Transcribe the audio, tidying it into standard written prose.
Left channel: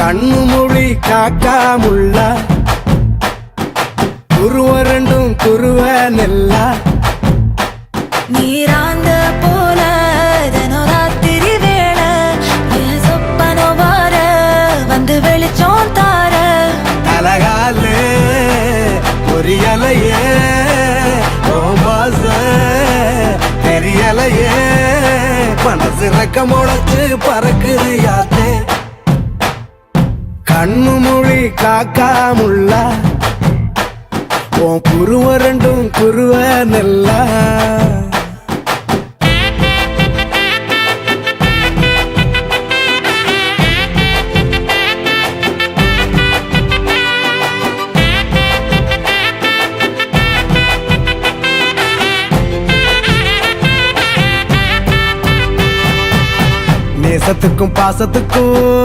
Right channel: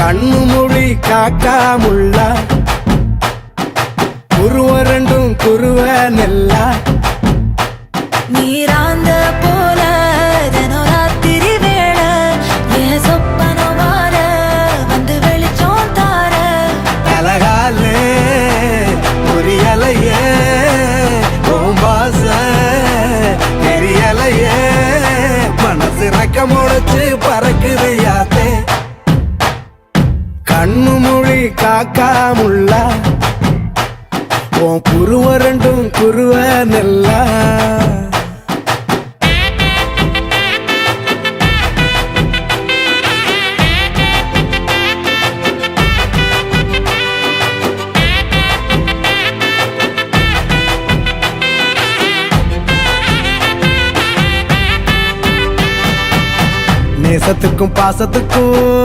கண்ணு மொழி காக்காமுள்ள குருவ ரெண்டும் குருவ நெல்லா நீராங்க போல தினராத்திரி வேண என் சொப்பனம் மாற வந்து வெளிச்சம் தார தலகாலே பொரியலையே ஓம்பாச பெரியலையே மனசு ரக்க முளைச்சு பறக்குது யாத்தே கண்ணு மொழி காக்காமுள்ள உன் குருவ ரெண்டும் குருவ நெல்லா நேசத்துக்கும் பாசத்துக்கும்